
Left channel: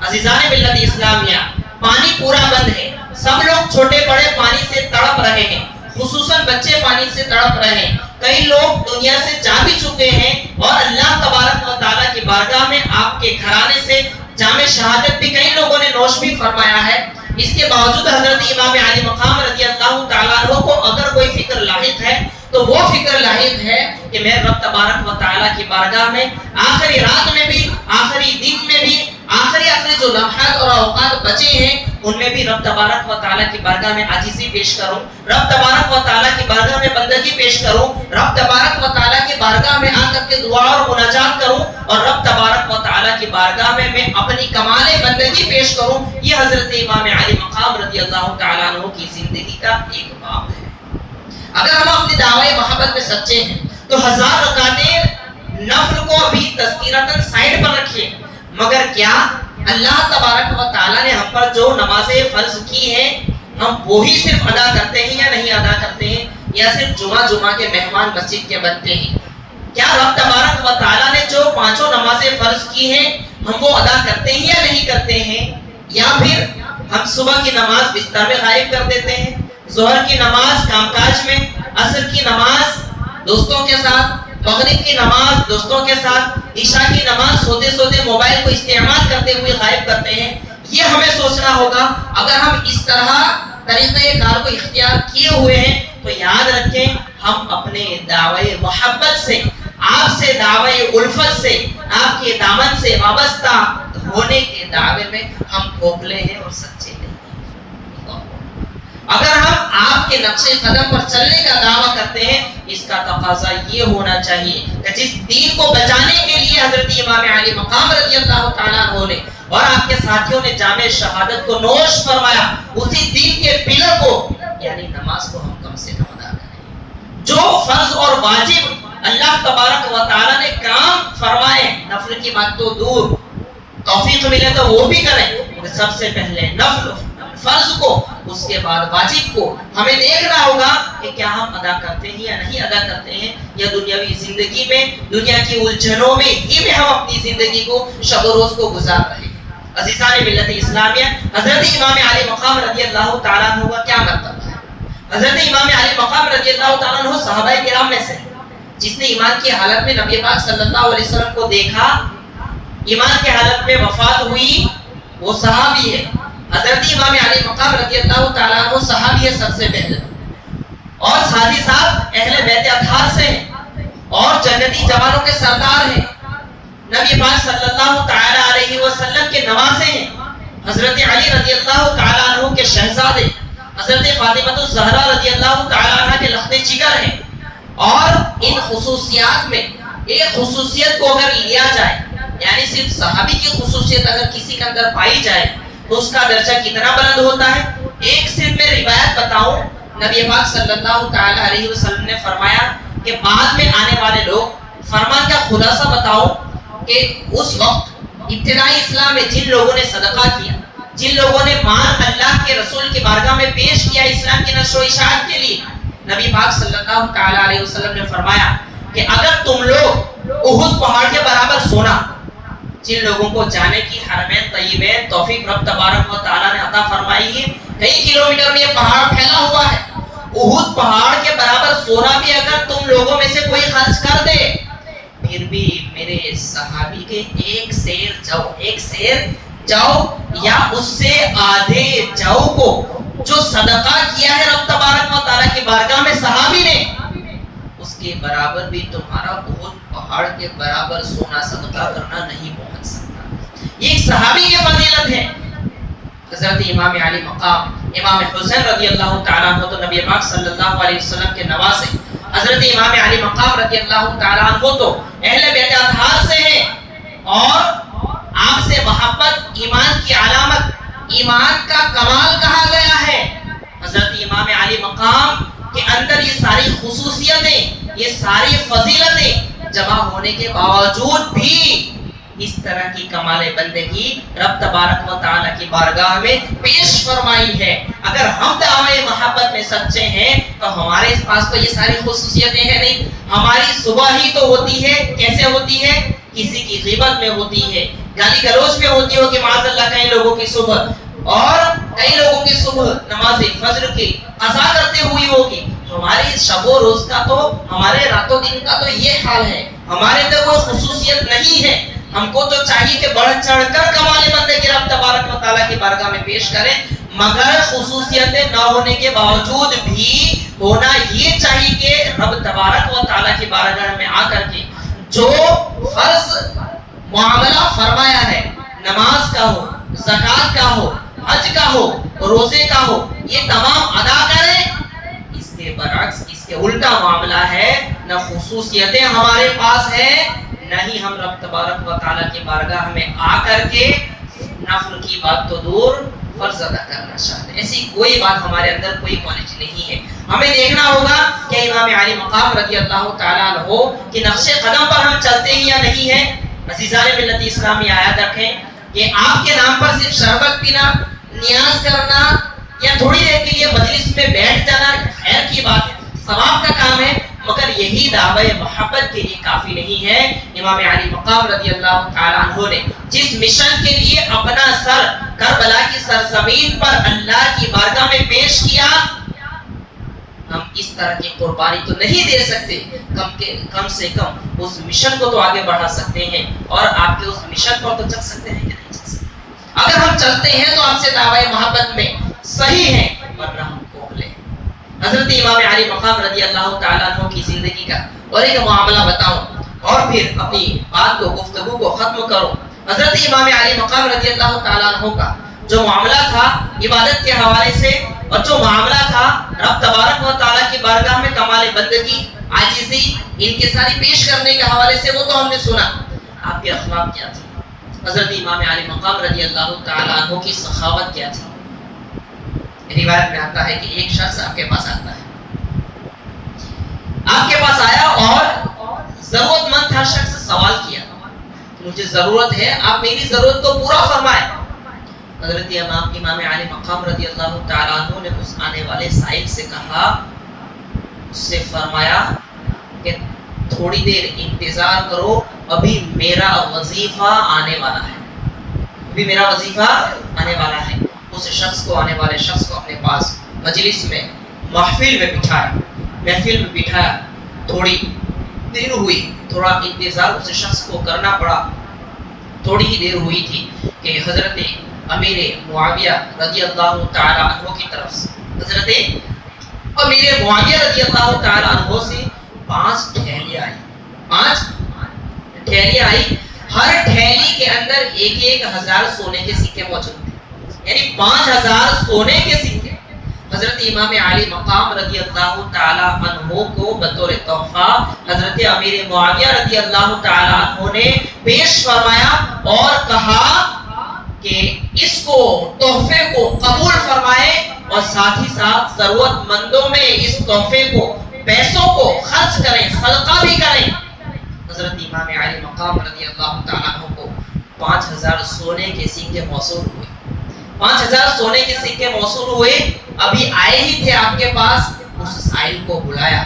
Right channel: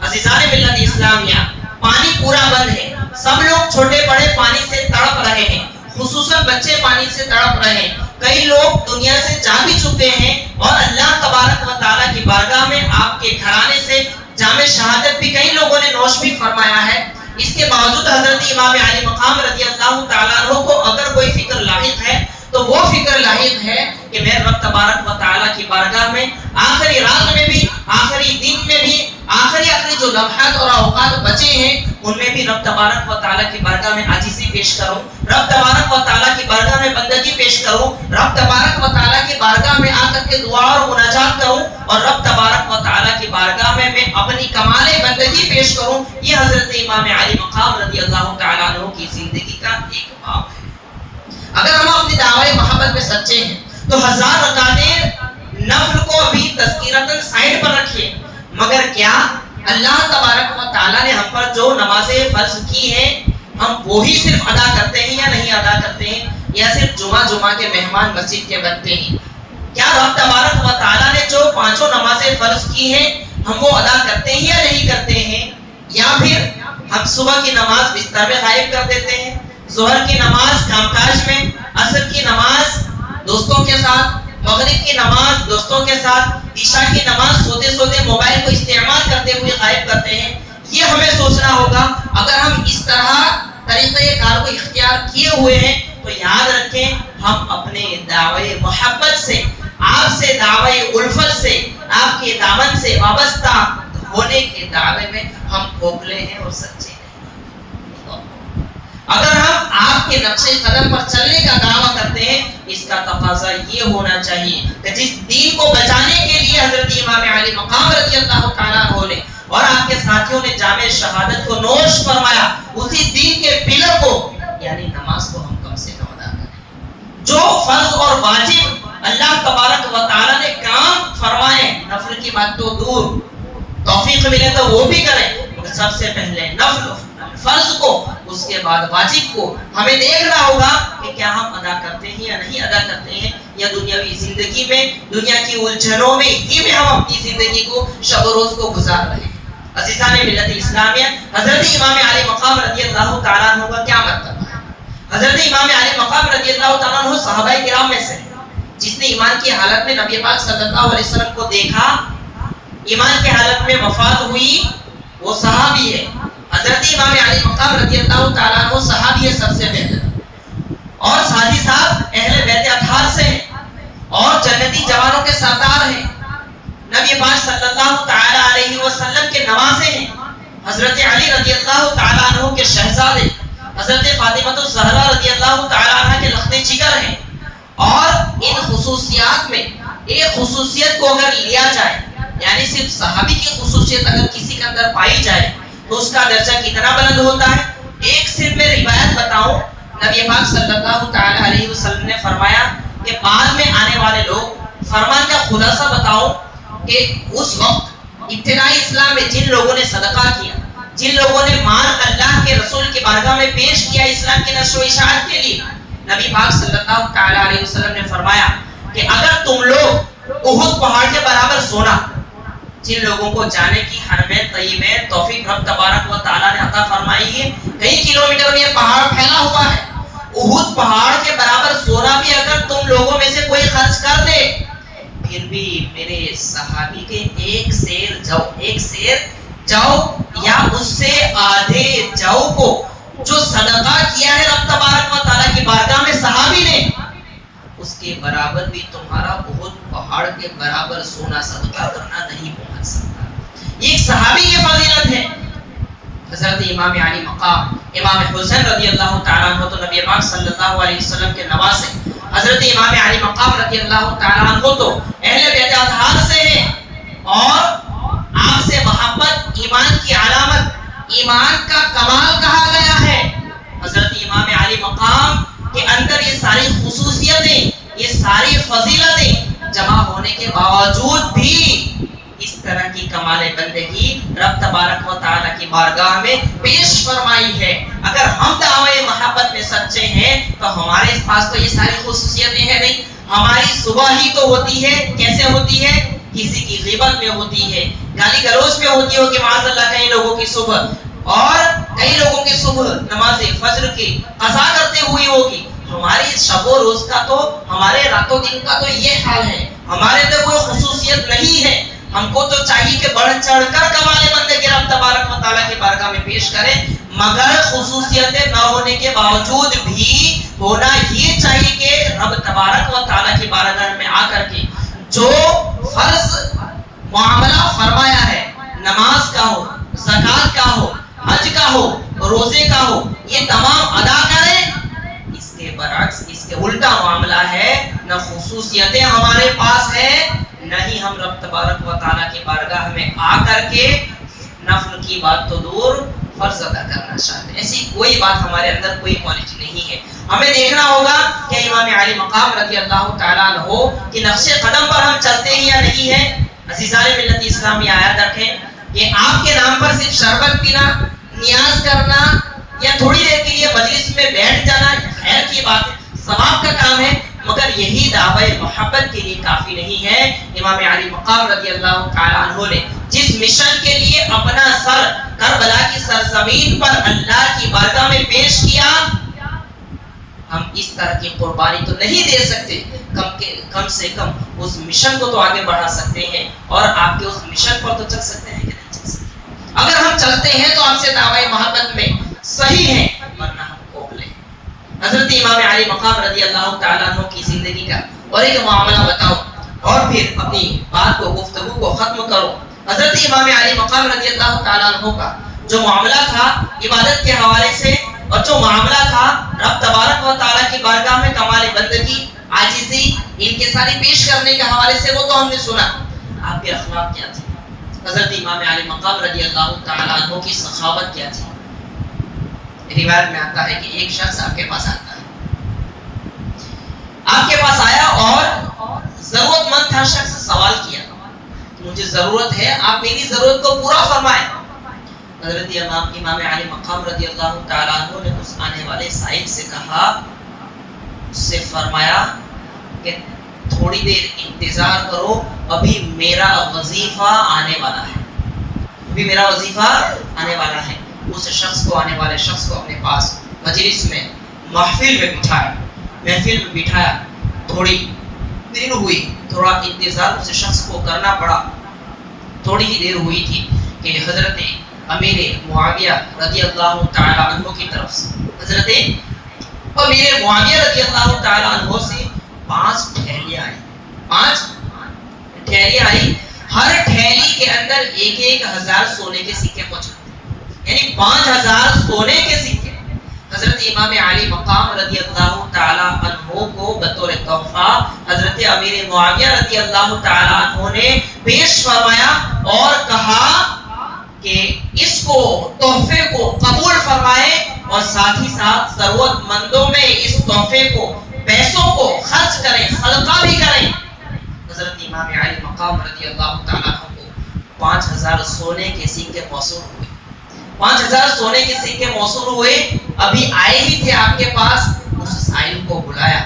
عزیزان ملت اسلامیہ، پانی پورا بند ہے، سب لوگ چھوٹے بڑے پانی سے تڑپ رہے ہیں، خصوصاً بچے پانی سے تڑپ رہے ہیں. کئی لوگ دنیا سے جا بھی چکے ہیں اور اللہ تبارک و تعالیٰ کی بارگاہ میں آپ کے گھرانے سے جام شہادت بھی کئی لوگوں نے نوش بھی فرمایا ہے. اس کے باوجود حضرت امام علی مقام رضی اللہ تعالیٰ عنہ کو اگر کوئی فکر لاحق ہے تو وہ فکر لاحق ہے کہ میں رب تبارک و تعالیٰ کی بارگاہ میں آخری رات میں بھی، آخری دن میں بھی، آخری جو لمحات اور اوقات بچے ہیں ان میں بھی رب تبارک و تعالیٰ کی بارگاہ میں عاجزی پیش کروں، رب تبارک و تعالیٰ کی بارگاہ میں بندگی پیش کروں، رب تبارک و تعالیٰ کی بارگاہ میں آ کر کے دعا اور مناجات کروں اور رب تبارک و تعالیٰ کی بارگاہ میں اپنی کمال بندگی پیش کروں. یہ حضرت امام علی مقام رضی اللہ تعالیٰ عنہ کی زندگی کا ایک باب ہے. اگر ہم اپنی دعوی محبت میں سچے ہیں تو 1000 رکعتیں نفل کو بھی تذکیرتاً سائڈ پر رکھیے. مگر کیا اللہ تبارک و تعالیٰ نے ہم پر جو نمازیں فرض کی ہیں ہم وہی صرف ادا کرتے ہیں یا نہیں ادا کرتے ہیں، یا صرف جمعہ کے مہمان مسجد کے بنتے ہیں؟ کیا رب تبارک و تعالیٰ نے جو 5 نمازیں فرض کی ہیں ہم وہ ادا کرتے ہیں یا نہیں کرتے ہیں، یا پھر ہم صبح کی نماز بستر میں غائب کر دیتے ہیں، ظہر کی نماز کام کاج میں، عصر کی نماز دوستوں کے ساتھ، مغرب کی نماز دوستوں کے ساتھ، عشاء کی نماز سوتے سوتے موبائل کو استعمال کرتے ہوئے غائب کرتے ہیں۔ یہ ہمیں سوچنا ہوگا، اگر ہم اس طرح طریقہ کار کو اختیار کیے ہوئے ہیں تو یاد رکھیں ہم اپنے دعوی محبت سے، آپ سے دعوی الفت سے، آپ کے دامن سے وابستہ ہونے کے دعوے میں ہم کھوکھلے ہیں اور سچے نہیں۔ اگر ہم آپ کے نقش قدم پر چلنے کا دعویٰ کرتے ہیں، اس کا تقاضا یہ ہونا چاہیے کہ جس دین کو بچانے کے لیے حضرت امام علی مقام رضی اللہ تعالیٰ عنہ نے اور آپ کے ساتھیوں نے جامع شہادت کو نوش فرمایا، اسی دین کے پلر کو یعنی نماز کو ہم کم سے کم ادا کریں۔ جو فرض اور واجب اللہ تبارک و تعالیٰ نے کام فرمائے، نفل کی بات تو دور، توفیق ملے تو وہ بھی کریں، سب سے پہلے نفل فرض کو، اس کے بعد واجب کو ہمیں دیکھنا ہوگا کہ کیا ہم ادا کرتے ہیں یا نہیں ادا کرتے ہیں، یا دنیاوی زندگی میں دنیا کی الجھنوں میں ہی میں ہم اپنی زندگی کو شب و روز کو گزار رہے ہیں۔ عزیزان ملت اسلامیہ، حضرت امام علی مقام رضی اللہ تعالیٰ عنہ کا کیا مرتبہ ہے؟ حضرت امام علی مقام رضی اللہ تعالیٰ عنہ صحابہ کرام میں سے جس نے ایمان کی حالت میں نبی پاک صلی اللہ علیہ وسلم کو دیکھا، ایمان کی حالت میں وفات ہوئی، وہ صحابی ہے۔ حضرت امام علی مقام رضی اللہ تعالیٰ عنہ صحابی ہے سب سے پہلے، اور ساتھ ہی ساتھ اہل بیت اطہار سے ہیں اور جنتی جوانوں کے سردار ہیں، نبی پاک صلی اللہ تعالیٰ علیہ وسلم کے نواسے ہیں، حضرت علی رضی اللہ تعالیٰ عنہ کے شہزادے، حضرت فاطمہ الزہرا رضی اللہ تعالیٰ عنہ کے لخت جگر ہیں۔ اور ان خصوصیات میں ایک خصوصیت کو اگر لیا جائے، یعنی صرف صحابی کی خصوصیت اگر کسی کے اندر پائی جائے تو اس کا درجہ کتنا بلند ہوتا ہے۔ ایک صرف میں روایت بتاؤں، نبی پاک صلی اللہ تعالیٰ علیہ وسلم نے فرمایا کہ بعد میں آنے والے لوگ، فرمان کا خلاصہ بتاؤ کہ اس وقت ابتدائی اسلام میں جن لوگوں نے صدقہ کیا، جن لوگوں نے مال اللہ کے رسول کی بارگاہ میں پیش کیا اسلام کی نشر و اشاعت کے لیے، نبی پاک صلی اللہ تعالیٰ علیہ وسلم نے فرمایا کہ اگر تم لوگ احد پہاڑ کے برابر سونا، جن لوگوں کو جانے کی حرمین طیبین توفیق رب تبارک و تعالیٰ نے عطا فرمائی ہے، کئی کلومیٹر میں یہ پہاڑ پھیلا ہوا ہے، احد پہاڑ کے برابر سونا بھی اگر تم لوگوں میں سے کوئی خرچ کر دے، پھر بھی میرے صحابی کے ایک سیر جاؤ یا اس سے آدھے جاؤ کو جو صدقہ کیا ہے رب تبارک و تعالیٰ کی بارگاہ میں صحابی نے، اس کے برابر بھی تمہارا بہت پہاڑ کے برابر سونا صدقہ کرنا نہیں پہنچ سکتا۔ یہ ایک صحابی کی فضیلت ہے۔ حضرت امام علی مقام امام حسین رضی اللہ تعالیٰ عنہ تو نبی پاک صلی اللہ علیہ وسلم کے نواسے، حضرت امام علی مقام رضی اللہ تعالیٰ عنہ تو اہل بیت اطہار سے ہیں، اور آپ سے محبت ایمان کی علامت، ایمان کا کمال کہا گیا ہے۔ حضرت امام علی مقام کے اندر یہ ساری خصوصیتیں، یہ ساری فضیلتیں جمع ہونے کے باوجود بھی اس طرح کی کمال بندگی رب تبارک و تعالیٰ کی بارگاہ میں پیش فرمائی ہے۔ اگر ہم دعوی محبت میں سچے ہیں تو ہمارے پاس تو یہ ساری خصوصیتیں ہیں نہیں۔ ہماری صبح ہی تو ہوتی ہے، کیسے ہوتی ہے؟ کسی کی غیبت میں ہوتی ہے، گالی گلوچ میں ہوتی ہوگی معاذ اللہ کئی لوگوں کی صبح، اور کئی لوگوں کی صبح نماز فجر کی قضا کرتے ہوئی ہوگی۔ ہماری شب و روز کا تو، ہمارے رات و دن کا تو یہ حال ہے، ہمارے اندر کوئی خصوصیت نہیں ہے۔ ہم کو تو چاہیے کہ بڑھ چڑھ کر کمال بندگی رب تبارک و تعالیٰ کی بارگاہ میں پیش کریں، مگر خصوصیتیں نہ ہونے کے باوجود بھی ہونا یہ چاہیے کہ رب تبارک و تعالیٰ کی بارگاہ میں آ کر کے جو فرض معاملہ فرمایا ہے، نماز کا ہو، زکوٰۃ کا ہو، حج کا ہو، روزے کا ہو، یہ تمام ادا کریں۔ اس کے برعکس، اس کے الٹا معاملہ ہے، نہ خصوصیتیں ہمارے پاس ہیں، نہ ہی ہم رب تبارک و تعالیٰ کی بارگاہ میں آ کر کے نفل کی بات تو دور فرض ادا کرنا چاہتے ہیں۔ ایسی کوئی بات ہمارے اندر کوئی کوالٹی نہیں ہے۔ ہمیں دیکھنا ہوگا کہ امام علی مقام رضی اللہ تعالیٰ عنہ کہ نقش قدم پر ہم چلتے ہیں یا نہیں ہیں۔ عزیزان ملت اسلامی یاد رکھیں کہ آپ کے نام پر صرف شربت پینا، نیاز کرنا یا تھوڑی دیر کے لیے مجلس میں بیٹھ جانا خیر کی بات ہے، ثواب کا کام ہے، مگر یہی دعوی محبت کے لیے کافی نہیں ہے۔ امام علی مقام رضی اللہ تعالیٰ عنہ نے جس مشن کے لیے اپنا سر کربلا کی سرزمین پر اللہ کی بارگاہ میں پیش کیا، ہم اس طرح کی قربانی تو نہیں دے سکتے، کم سے کم اس مشن کو تو آگے بڑھا سکتے ہیں، اور آپ کے اس مشن پر تو چل سکتے ہیں کہ نہیں چل سکتے۔ اگر ہم چلتے ہیں تو ہم سے دعوی محبت میں صحیح ہے، ورنہ ہم کوکلے۔ حضرت امام علی مقام رضی اللہ تعالیٰ عنہ کی زندگی کا اور ایک معاملہ بتاؤں اور پھر اپنی بات کو گفتگو کو ختم کرو۔ حضرت امام علی مقام رضی اللہ تعالیٰ عنہ کا جو معاملہ تھا عبادت کے حوالے سے، اور جو معاملہ تھا رب تبارک و تعالیٰ کی بارگاہ میں کمال بندگی، عاجزی، انکساری پیش کرنے کے حوالے سے، وہ تو ہم نے سنا۔ آپ کے اخلاق کیا تھے؟ حضرت امام علی مقام رضی اللہ تعالیٰ عنہ کی سخاوت کیا تھی؟ روایت میں آتا ہے کہ ایک شخص آپ کے پاس آتا ہے، آپ کے پاس آیا اور ضرورت مند تھا شخص، سوال کیا مجھے ضرورت ہے، آپ میری ضرورت کو پورا فرمائیں۔ حضرت امام علی مقام رضی اللہ تعالیٰ عنہ نے اس آنے والے سائل سے کہا، اس سے فرمایا کہ تھوڑی دیر انتظار کرو، ابھی میرا وظیفہ آنے والا ہے، ابھی میرا وظیفہ آنے والا ہے۔ اس شخص کو، آنے والے شخص کو اپنے پاس مجلس میں، محفل میں بٹھایا، تھوڑی دیر ہوئی، تھوڑا انتظار اس شخص کو کرنا پڑا۔ تھوڑی ہی دیر ہوئی تھی کہ حضرت امیر معاویہ رضی اللہ تعالیٰ عنہ کی طرف سے، حضرت امیر معاویہ رضی اللہ تعالیٰ عنہ سے 5 ٹھیلیاں آئی، 5 ٹھیلیاں آئی، ہر ٹھیلی کے اندر 1,000 سونے کے سکے موجود تھے، یعنی 5,000 سونے کے سکے حضرت امام علی مقام رضی اللہ تعالیٰ عنہ کو بطور تحفہ حضرت امیر معاویہ رضی اللہ تعالیٰ عنہ نے پیش فرمایا اور کہا کہ اس کو، تحفے کو قبول فرمائے، اور ساتھ ہی ساتھ ضرورت مندوں میں اس تحفے کو، پیسوں کو خرچ کریں، صدقہ بھی کریں۔ حضرت امام علی مقام رضی اللہ تعالیٰ عنہ کو 5,000 سونے کے سکے موصول ہوئے، 5,000 سونے کے سکے موصول ہوئے۔ ابھی آئے ہی تھے آپ کے پاس، اس سائل کو بلایا،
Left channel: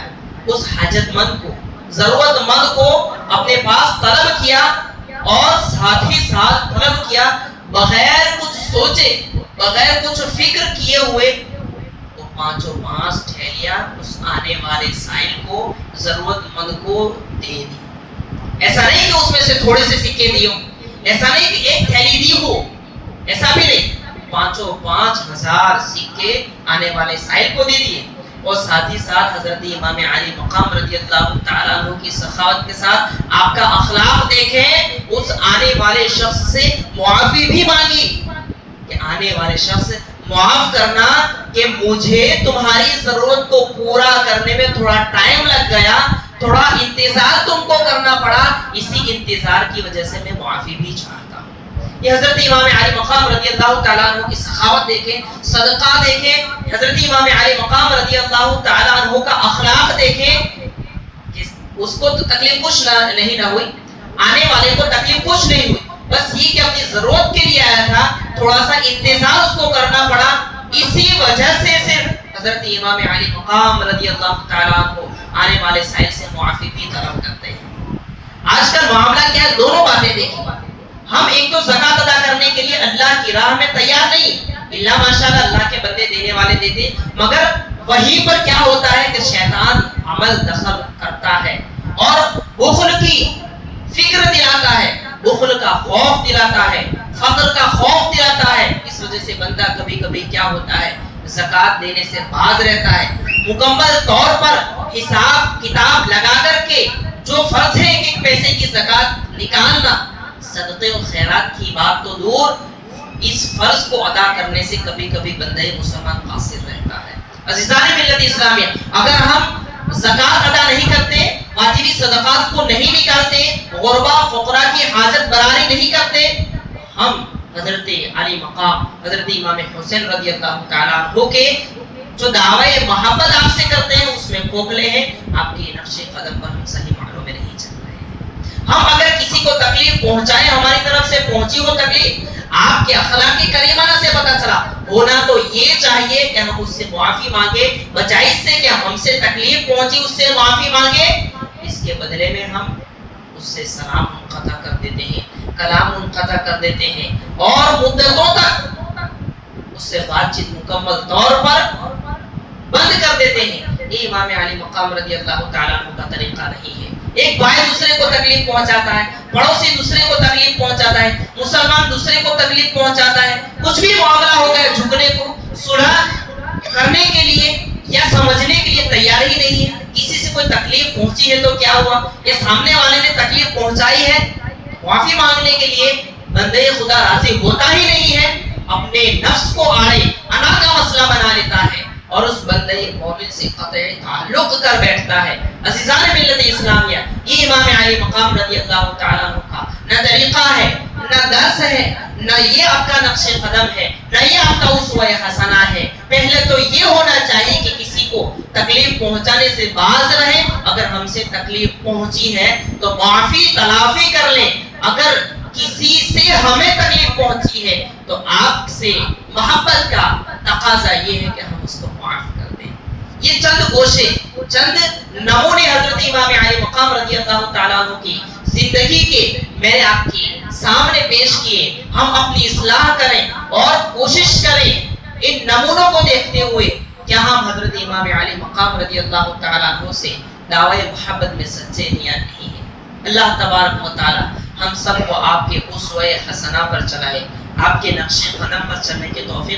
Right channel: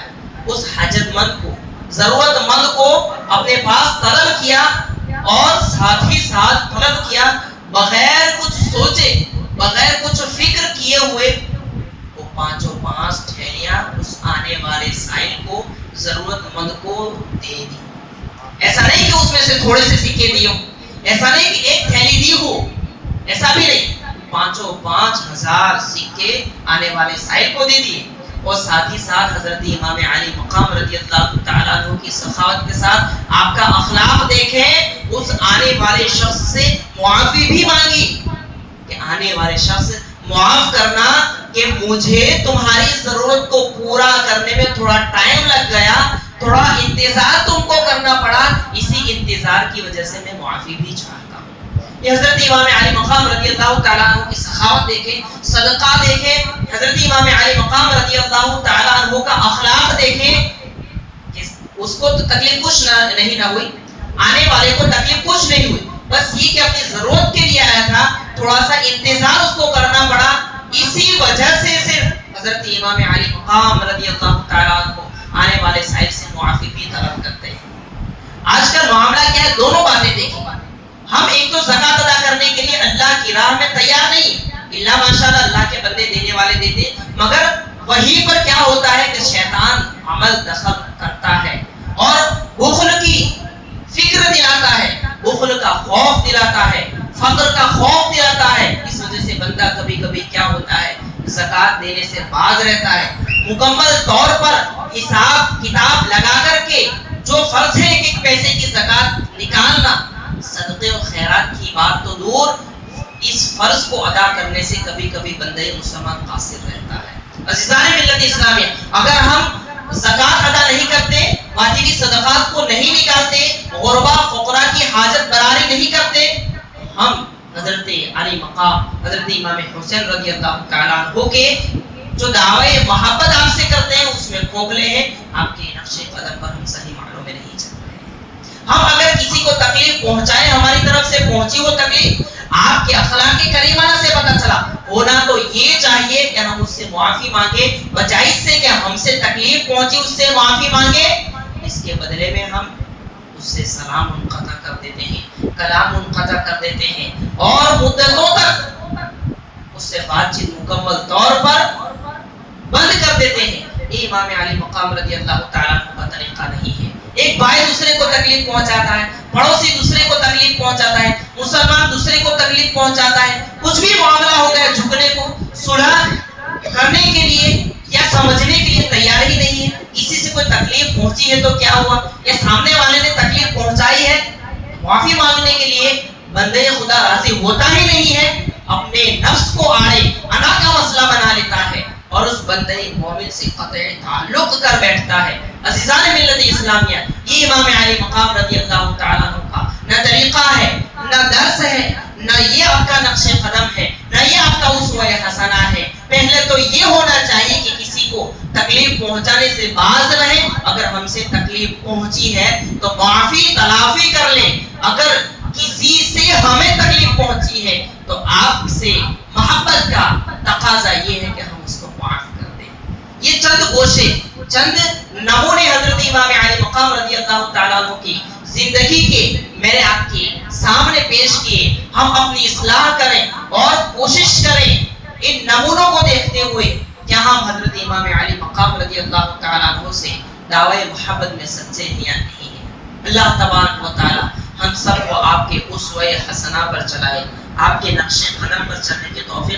اس حاجت مند کو، ضرورت مند کو اپنے پاس طلب کیا، اور ساتھ ہی ساتھ طلب کیا بغیر کچھ سوچے، بغیر کچھ فکر کیے ہوئے، وہ 5 ٹھیلیاں اس آنے والے سائل کو، ضرورت مند کو دے دی۔ ایسا نہیں کہ اس میں سے تھوڑے سے سکے دیے ہوں، ایسا نہیں کہ ایک تھیلی دی ہو، ایسا بھی نہیں، 5,000 سکے آنے والے سائل کو دے دیے، اور ساتھ ہی ساتھ حضرت امام علی مقام رضی اللہ تعالیٰ عنہ کی سخاوت کے ساتھ آپ کا اخلاق دیکھیں، اس آنے والے شخص سے معافی بھی مانگی کہ آنے والے شخص معاف کرنا کہ مجھے تمہاری ضرورت کو پورا کرنے میں تھوڑا ٹائم لگ گیا، تھوڑا انتظار تم کو کرنا پڑا، اسی انتظار کی وجہ سے میں معافی بھی چاہتا ہوں۔ یہ حضرت امام علی مقام رضی اللہ تعالیٰ عنہ کی سخاوت دیکھیں، صدقہ دیکھیں، حضرت امام علی مقام رضی اللہ تعالیٰ عنہ کا اخلاق دیکھیں کہ اس کو تو تکلیف کچھ نہیں ہوئی، آنے والے کو تکلیف کچھ نہیں ہوئی، بس یہ کہ اپنی ضرورت کے لیے آیا تھا، تھوڑا سا انتظار اس کو کرنا پڑا، اسی وجہ سے صرف حضرت امام علی مقام رضی اللہ تعالیٰ عنہ آنے والے سائل سے معافی بھی طلب کرتے ہیں۔ آج کل معاملہ کیا ہے؟ دونوں باتیں دیکھیں، ہم ایک تو زکات ادا کرنے کے لیے اللہ کی راہ میں تیار نہیں، اللہ ماشاءاللہ اللہ کے بندے دینے والے دیتے، مگر وہیں پر کیا ہوتا ہے کہ شیطان عمل دخل کرتا ہے اور بخل کی فکر دلاتا ہے، بخل کا خوف دلاتا ہے، فقر کا خوف دلاتا ہے۔ اس وجہ سے بندہ کبھی کبھی کیا ہوتا ہے، زکات دینے سے باز رہتا ہے۔ مکمل طور پر حساب کتاب لگا کر کے جو فرض ہے ایک پیسے کی زکات نکالنا، صدقے و خیرات کی بات تو دور، اس فرض کو ادا کرنے سے کبھی کبھی بندہ مسلمان قاصر رہتا ہے۔ عزیزان ملت اسلامیہ، اگر ہم زکات ادا نہیں کرتے، واجبی صدقات کو نہیں نکالتے، غربا فقراء کی حاجت براری نہیں کرتے، ہم حضرت علی مقام حضرت امام حسین رضی اللہ تعالیٰ عنہ کے جو دعوی محبت آپ سے کرتے ہیں اس میں کھوکھلے ہیں، آپ کے نقش قدم پر ہم صحیح معنوں میں نہیں چل رہے ہیں۔ ہم اگر کسی کو تکلیف پہنچائیں، ہماری طرف سے پہنچی وہ تکلیف، آپ کے اخلاق کریمانہ سے پتہ چلا، ہونا تو یہ چاہیے کہ ہم اس سے معافی مانگے، بجائے اس سے کہ ہم سے تکلیف پہنچی اس سے معافی مانگے، اس کے بدلے میں ہم اس سے سلام منقطع کر دیتے ہیں، کلام منقطع کر دیتے ہیں، اور مدتوں تک اس سے بات چیت مکمل طور پر بند کر دیتے ہیں۔ یہ امام علی مقام رضی اللہ تعالیٰ عنہ کا طریقہ نہیں ہے۔ ایک بھائی دوسرے کو تکلیف پہنچاتا ہے، پڑوسی دوسرے کو تکلیف پہنچاتا ہے، مسلمان دوسرے کو تکلیف پہنچاتا ہے، کچھ بھی معاملہ ہوتا ہے جھکنے کو، صلح کرنے کے لیے یا سمجھنے کے لیے تیار ہی نہیں ہے۔ کسی سے کوئی تکلیف پہنچی ہے تو کیا ہوا، یہ سامنے والے نے تکلیف پہنچائی ہے، معافی مانگنے کے لیے بندے خدا راضی ہوتا ہی نہیں ہے، اپنے نفس کو آڑے انا کا مسئلہ بنا لیتا ہے اور اس بندے مومن سے قطعی تعلق کر بیٹھتا ہے۔ عزیزان ملت اسلامیہ، یہ امام علی مقام رضی اللہ تعالیٰ عنہ کا نہ طریقہ ہے، نہ درس ہے، نہ یہ آپ کا نقش قدم ہے، نہ یہ آپ کا اسوہ حسنہ ہے۔ پہلے تو یہ ہونا چاہیے کہ کسی کو تکلیف پہنچانے سے باز رہیں، اگر ہم سے تکلیف پہنچی ہے تو معافی تلافی کر لیں، اگر کسی سے ہمیں تکلیف پہنچی ہے تو آپ سے محبت کا تقاضا یہ ہے کہ ہم اس کو معاف کر دیں۔ یہ چند گوشے، چند نمونے حضرت امام علی مقام رضی اللہ تعالیٰ عنہ کی زندگی کے میں نے آپ کے سامنے پیش کیے۔ ہم اپنی اصلاح کریں اور کوشش کریں ان نمونوں کو دیکھتے ہوئے کیا ہم حضرت امام علی مقام رضی اللہ تعالیٰ عنہ سے دعوی محبت میں سچے ہیں یا نہیں ہیں۔ اللہ تبارک و تعالی ہم سب کو آپ کے اسوہ حسنہ پر چلائے، آپ کے نقش قدم پر چلنے کے توفیق